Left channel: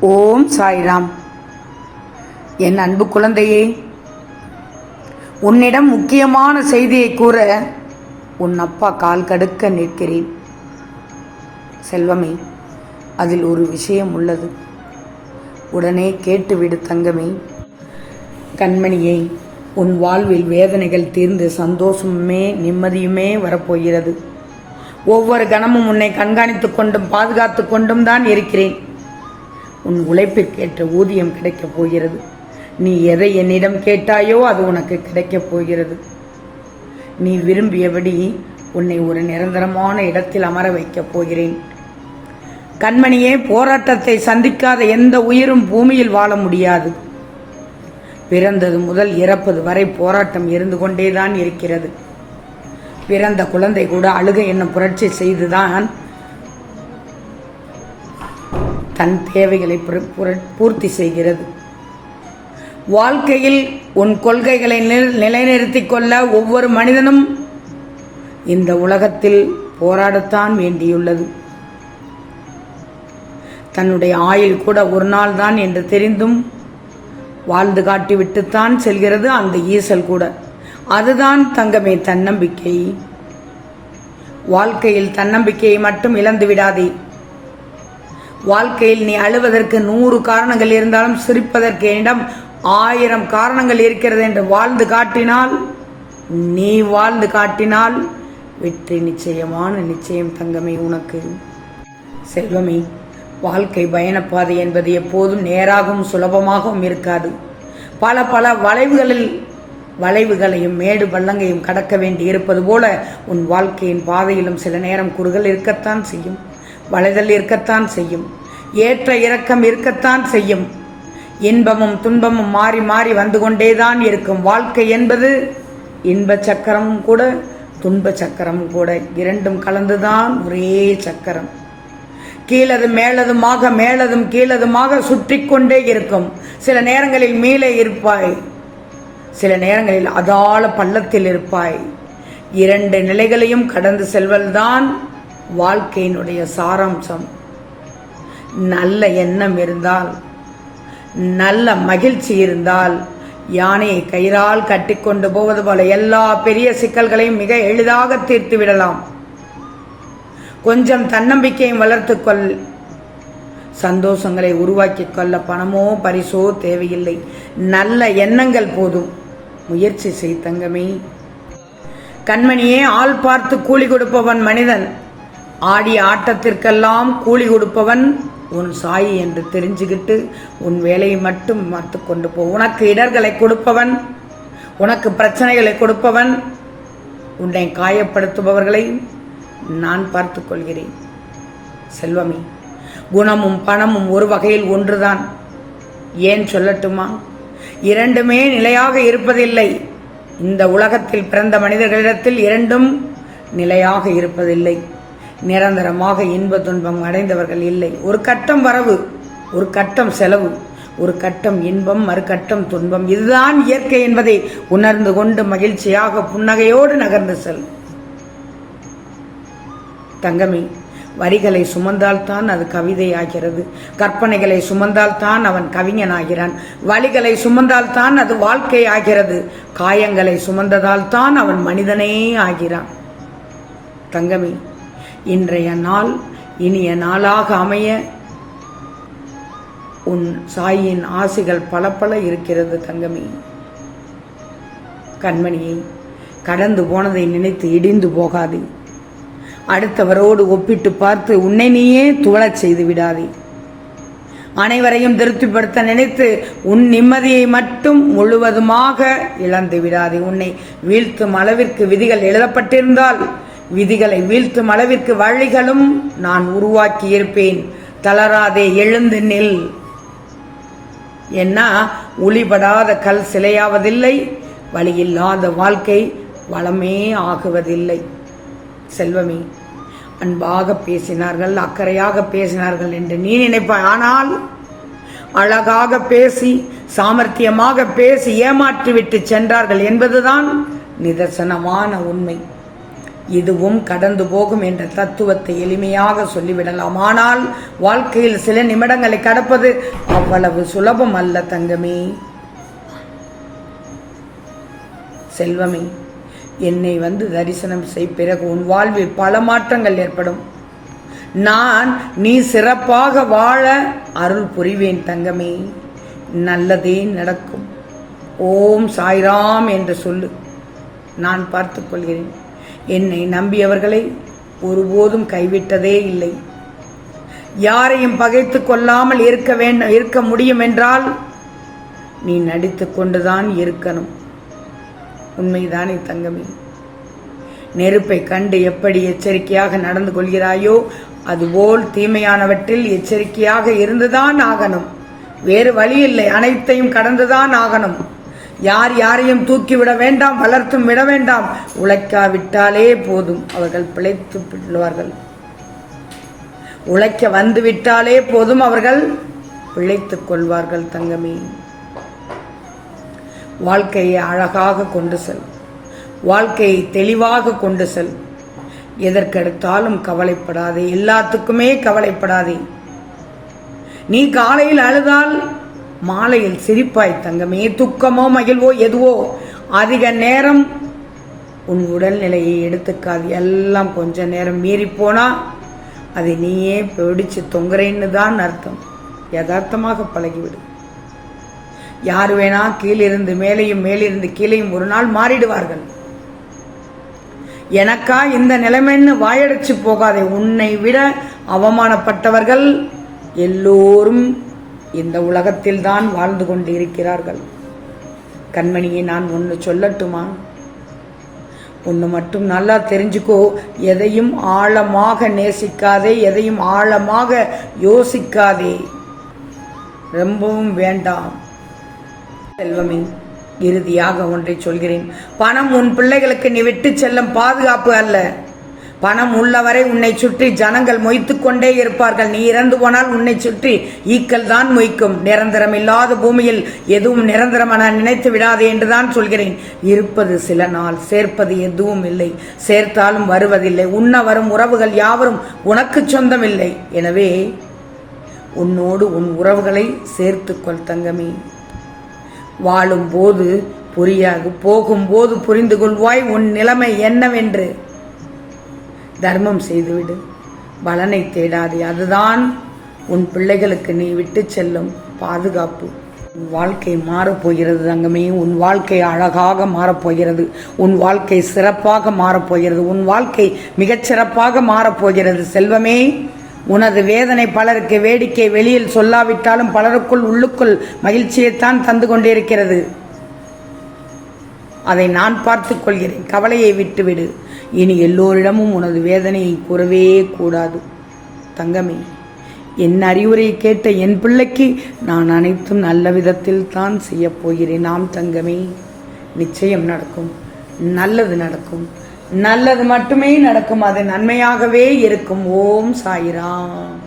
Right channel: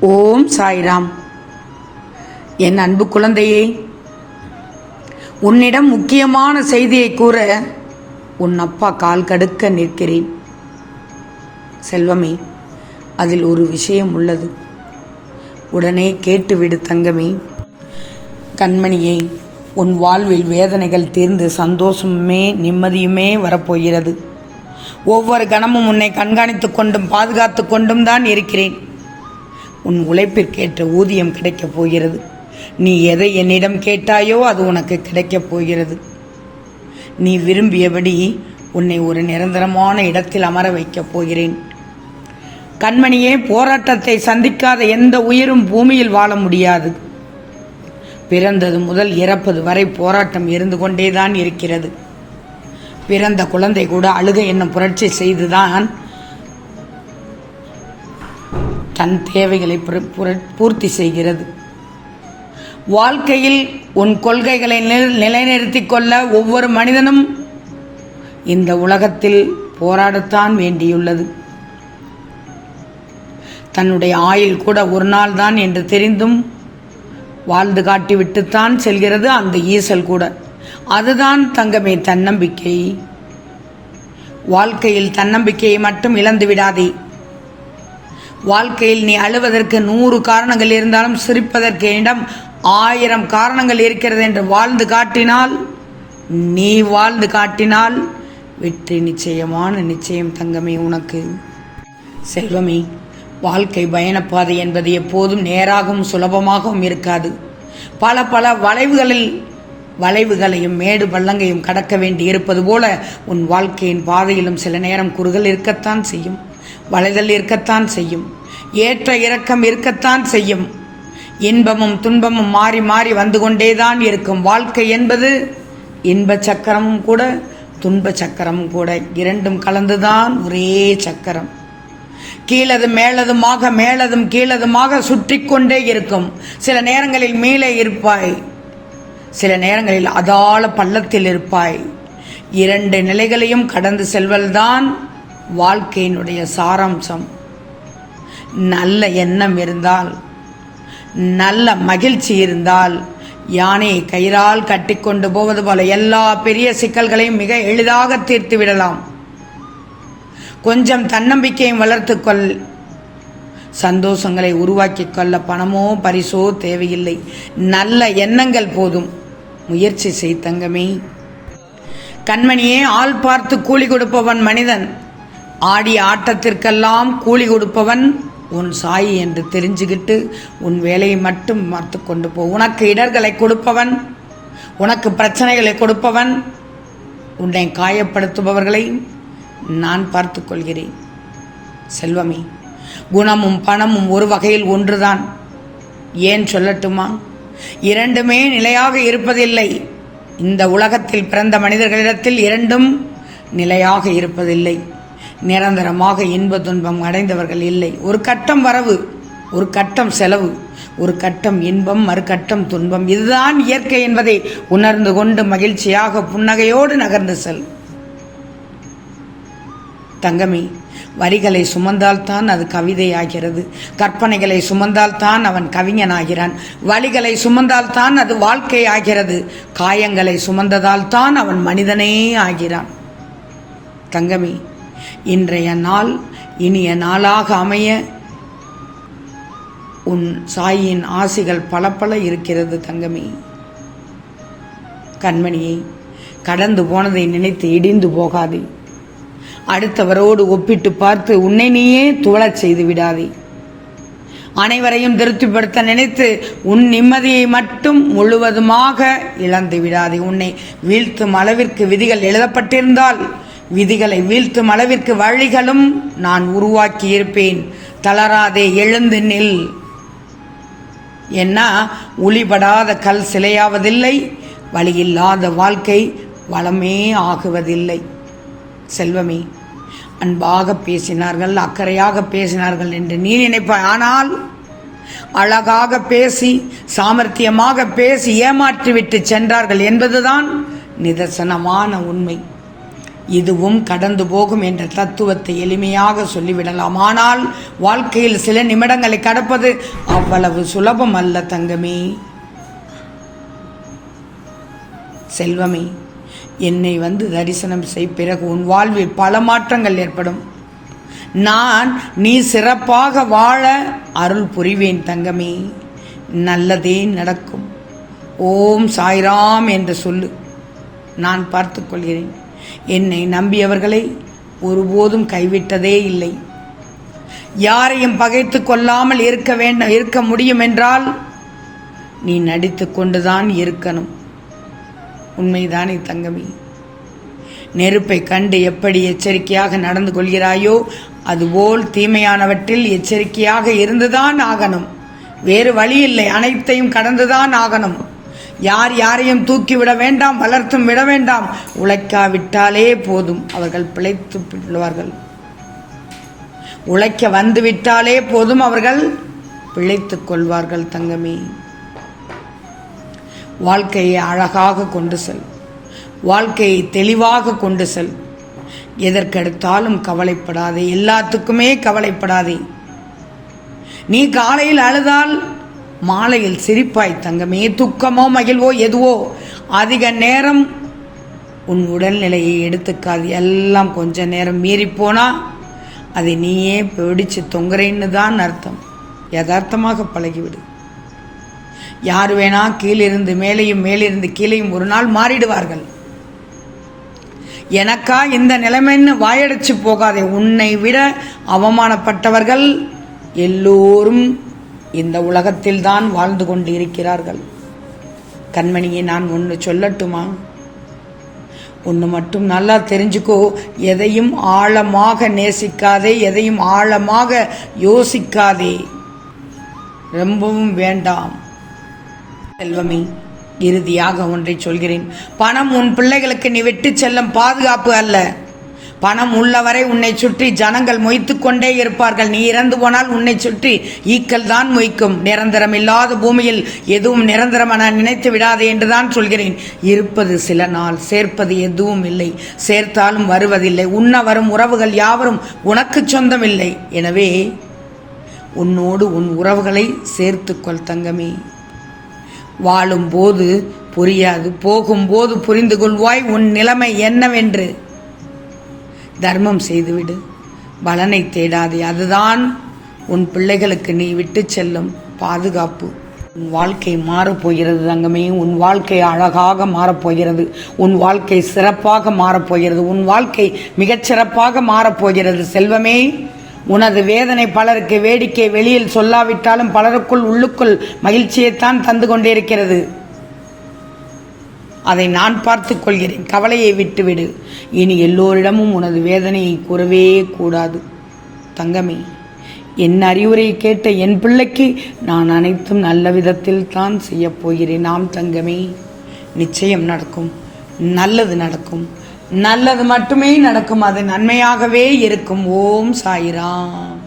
ஓம் சாய்ராம். என் அன்பு குழந்தையே உன்னிடம் முக்கியமான செய்தியை கூற உன் அப்பா கால் கடுக்க நிற்கிறேன். செல்வமே அதில் ஒரு விஷயம் உள்ளது. உடனே கேட்டுவிடு தங்கமே. கண்மணியை உன் வாழ்வில் வேதனைகள் தீர்ந்து சந்தோஷமுமே நிம்மதியுமே வரப்போகிறது. ஒவ்வொரு கணமும் உன்னை கண்காணித்துக் கொண்டும் பாதுகாத்து கொண்டும் தான் இருக்கிறேன். உன் உழைப்பிற்கேற்ற ஊதியம் கிடைக்கப் போகிறது. நீ எதை என்னிடம் கேட்டாயோ அது உனக்கு கிடைக்கப் போகிறது. நீ விரும்பியபடி உன்னை ஒரு நிரந்தரமான இடத்தில் அமர வைக்கப் போகிறேன். கண்மணியே போராட்டத்தை சந்திக்காத எந்த உயிரும் பூமியில் வாழ முடியாது. பிறந்தது முதல் இறப்பது வரை போராட்டம் இருந்து கொண்டேதான் இருக்கிறது. பிறந்த குழந்தை கூட அழுகை என்னும் புரட்சி செய்துதான் தன் தேவைகளை பூர்த்தி செய்கிறது. வாழ்க்கையில் உன் கொள்கைகளை நிலைநிறுத்தி கொள்ள ஒவ்வொரு மனிதனும் இந்த உலகத்தில் போராடத்தான் வேண்டியுள்ளது. தன்னுடைய ஆயுள் கூட ஒரு நாள் தான் என்று தெரிந்தும் வாழ்ந்து காட்டிவிட்டுத்தான் செல்கிறது அந்த ஈசல் கூட. அதுதான் தங்கமே தன்னம்பிக்கை. வாழ்க்கையில் தன்னம்பிக்கையை மட்டும் இழந்து விடாதே. வாழ்க்கையில் நீ அழுவதற்கு நூறு காரணங்கள் இருந்தாலும் சிரிப்பதற்கு இடம் ஆயிரம் காரணங்கள் இருக்கிறது என்று வாழ்ந்து காட்டினால் நீ வாழ்ந்து காட்டினால் வெற்றி நிச்சயமான நிச்சயம் தங்கமே உனக்கு. செல்வமே வாழ்க்கை பயணப்பாதை என்பது எப்போதும் நேராகவும் சுலபமாகவும் இருக்காது. பல பல வளைவுகளில் வளைவுகளையும் மேடு பள்ளங்கையும் கடக்க வேண்டி இருப்பது போல உன் வாழ்க்கையின் பாதையிலும் சில நேரம் குறுகள் இருக்கத்தான் செய்யும். வளைதல் இருக்கத்தான் செய்யும். ஏற்ற இறக்கம் இருக்கத்தான் செய்யும். இன்பமும் துன்பமும் மாறி மாறி வந்து கொண்டேதான் இருக்கும். வாழ்க்கை என்பது இன்ப சக்கரமும் கூட துன்ப சக்கரமும் கூட. இரண்டும் கலந்துதான் ஒரே சக்கரம். கீழது மேலதுமாக மேலதும் கீழதுமாக சுற்றி கொண்டே இருக்கும். சில நேரங்களில் மேலே இருப்பாய். சில நேரங்களில் அதாள பள்ளத்தில் இருப்பாய். இரண்டு நிலைகளையும் கடந்து செல்வல்தான் வாழ்க்கையினுடைய சாராம்சம். நல்ல எண்ணம் இருந்தால் நல்ல மகிழ்ச்சி இருந்தால் யானையை கயிறால் கட்டிக்கொண்டு போவது போல எல்லா பெரிய சிக்கல்களையும் மிக எளிதாக தீர்த்து விடலாம். கொஞ்சம் தன்னம்பிக்கையும் வளர்த்துக்கொள் சந்தோஷங்களை உருவாக்கிக் கொள்ள பணமோ பரிசோ தேவையில்லை. நல்ல எண்ணங்கள் போதும். முயற்சி செய் தங்கமே. கண்மணியே ஆள் பார்த்து கூலி கொடுப்பவன் மனிதன். ஆடிய ஆட்டத்திற்கெல்லாம் கூலி கொடுப்பவன் உன் சாயி என்று தெரிஞ்சுக்கிட்டு உன் வேலையை மட்டும் பார்த்து கொண்டு போ. உனக்கு இடர்களை கொடுப்பவன் உனக்கு பிரச்சனைகளை கொடுப்பவன் உன்னை காயப்படுத்துபவர்களை நான் பார்த்து கொள்கிறேன். செல்வமே குணமும் பணமும் ஒரு வகையில் ஒன்றுதான். ஏன் சொல்லட்டுமா? இரண்டுமே நிலையாக இருப்பதில்லை. இந்த உலகத்தில் பிறந்த மனிதர்களிடத்தில் இரண்டும் நிலையாக இருப்பதில்லை. நிரந்தரமாக இன்ப துன்பம் அடைந்தவர்கள் இல்லை. ஒரு கட்டம் வரவு ஒரு கட்டம் செலவு ஒரு கட்டம் இன்பம் மறுகட்டம் துன்பம். இதுதான் இயற்கை என்பதை உணர்ந்து கொண்டு மகிழ்ச்சியாக புன்னகையோடு நகர்ந்து செல். தங்கமே வரிகளை சுமந்தால்தான் அது கவிதையாகிறது. கற்பனைகளை சுமந்தால்தான் அவன் கவிஞனாகிறான். வழிகளை சுமந்தால்தான் அது வாழ்க்கை ஆகிறது காயங்களை சுமந்ததால் தான் அவன் மனிதனே ஆகிறான். தங்கமே இன்றைய நாள் இனிய நாளாக அமைய உன் சாயின் ஆசிகள் பல பல இருக்கிறது தங்கமே. கண்மணியை கடந்து போனதை நினைத்து இடிந்து போகாது. அடுத்தவரோடு ஒப்பிட்டு பார்த்து உன்னை நீயே துவளச் செய்து விடாதே. அனைவரையும் திருப்திப்படுத்த நினைத்து உன் நிம்மதியை மட்டும் முழுவதுமாக இழந்து விடாதே. உன்னை வீழ்த்தும் அளவிற்கு விதிகள் எழுதப்பட்டிருந்தால் விதிகளை வீழ்த்தும் அளவிற்கு வழிகளும் நான் உருவாக்கி இருப்பேன் தளராதே எழுந்து நில். என்ன? ஒளிபடாத கல் சிலையாவதில்லை. வழியில்லாத வாழ்க்கை வளமே ஆகுவதில்லை. செல்வமே அன்பாக பேசினார்கள் அக்கறையாக பேசினார்கள் என்று நீ நினைப்பாய். ஆனால் அழகாக பேசி சாமர்த்தியமாக பேசி ஏமாற்றிவிட்டு சென்றார்கள் என்பதுதான் நிதர்சனமான உண்மை. இதுவும் கடந்து போகும் என்ற தத்துவத்தை எளிமையாக சொல்லிவிடலாம். ஆனால் வாழ்க்கையில் சில நிமிடங்களை கடப்பது அவ்வளவு சுலபம் அல்ல தங்கமே. செல்வமே என்னை வந்து தரிசனம் செய் பிறகு உன் வாழ்வில் பல மாற்றங்கள் ஏற்படும். நான் நீ சிறப்பாக வாழ அருள் புரிவேன் தங்கமே. நல்லதே நடக்கும். ஓம் சாய்ராம் என்று சொல்லு. நான் பார்த்துக்கொள்கிறேன் என்னை நம்பியவர்களை ஒருபோதும் கைவிட்டதே இல்லை. யாரையும் பகைத்து கொள்ளாமல் இருக்க வேண்டும் இருக்க முடியும் என்றால் நீ நடித்து கொண்டுதான் இருக்கணும். உண்மைதானே தங்கமி? நெருப்பை கண்டு எப்படி எச்சரிக்கையாக நடந்து கொள்கிறாயோ அதுபோல் தீமையானவற்றில் எச்சரிக்கையாக இருந்துதான் ஆகணும். வேறு வழி இல்லை அனைத்தையும் கடந்துதான் ஆகணும். யார் யாரையும் தூக்கி விட வேண்டாம் வளர்த்தும் விட வேண்டாம். உழைக்காவிட்டாலே போதும் அவர்கள் பிழைத்து விடுவார்கள் உழைக்க வந்து விட்டாலே போதும் அவர்கள் பிழைத்துக் கொள்வார்கள் தங்கமே. வாழ்க்கையை அழகாக கொண்டு செல். வாழ்க்கையை தெளிவாக கொண்டு செல். எதற்கெடுத்தாலும் கவலைப்படாதே எல்லாத்துக்குமே கவலைப்படாதே. நீ காலையில் அழுதால் மாலையில் சிரிப்பாய் தங்கமே துக்கமோ மகிழ்வோ எதுவோ. அதிக நேரம் உன் உடல்நிலையை எடுத்துக்காது. எல்லாம் கொஞ்ச நேரம் மீறி போனா அதை நீயே பிடிச்சு தொங்குறேன்னு தான் அர்த்தம். யதார்த்தமாக பழகிவிடு. யார் வேணா கீழிருந்து மேலேயும் மேலிருந்து கீழேயும் ஒரு நாள் மாறிடுவார்கள். எனக்கா இந்த நிலைமைன்னு வாயடைச்சு போகாதே. உன்னை விட அவமானப்பட்டவர்கள் எல்லோரும் இந்த உலகத்தில் தான் வாழ்ந்து கொண்டு இருக்கிறார்கள் கண்மணியை நான் ஒன்று சொல்லட்டுமா? ஒன்று மட்டும் நல்லா தெரிஞ்சுக்கோ. எதையும் ஆழமாக நேசிக்காதே எதையும் ஆழமாக யோசிக்காதே. ரொம்பவும் வேண்டாம். செல்வமே இறுதியாக ஒன்றை சொல்கிறேன். பணம் உன் பிள்ளைகளுக்கு நீ விட்டு செல்லும் பாதுகாப்பு அல்ல. பணம் உள்ளவரை உன்னை சுற்றி ஜனங்கள் மொய்த்து கொண்டே இருப்பார்கள். நீ இறந்து போனால் உன்னை சுற்றி ஈக்கள் தான் மொய்க்கும். நிரந்தரம் இல்லாத பூமியில் எதுவும் நிரந்தரம் நான் நினைத்து விடாதே என்றுதான் சொல்கிறேன். இருப்பது சில நாள் சேர்ப்பது எதுவும் இல்லை. சேர்த்தாலும் வருவதில்லை. உண்ண வரும் உறவுகள் யாவரும் உனக்கு சொந்தமில்லை. எனவே உன்னோடு உன் உறவுகளை சேர்த்துக்கொள் தங்கமே. வாழும்போது புரியாது போகும்போது புரிந்து கொள்வாய். உன் நிலைமை என்னவென்று? தர்மம் செய்துவிடு. பலனை தேடாதே அதுதான் உன் பிள்ளைகளுக்கு நீ விட்டு செல்லும் பாதுகாப்பு. உன் வாழ்க்கை மாறப்போகிறது தங்கமே உன் வாழ்க்கை அழகாக மாறப்போகிறது உன் வாழ்க்கை சிறப்பாக மாறப்போகிறது உன் வாழ்க்கை மிகச்சிறப்பாக மாறப்போகிறது செல்வமே உனது வேதனை பலருக்கு வேடிக்கை வெளியில் சொல்லாவிட்டாலும் பலருக்குள் உள்ளுக்குள் மகிழ்ச்சியைத்தான் தந்து கொண்டிருக்கிறது. அதை நான் பார்த்து கொள்கிறேன். கவலையை விட்டுவிடு. இனி எல்லோரிடமும் உனது வேதனையை கூறவே கூடாது. தங்கமே என் அறிவுரை கேட்ட என் பிள்ளைக்கு நான் அனைத்தும் நல்ல விதத்தில் தான் செய்யப்போகிறேன் நாம் தங்கமே நிச்சயம் நடக்கும். நல்லது நடக்கும். நல்லது மட்டுமே நடக்கும். அது நன்மையாகவே இருக்கும். ஓம் சாயிராம்.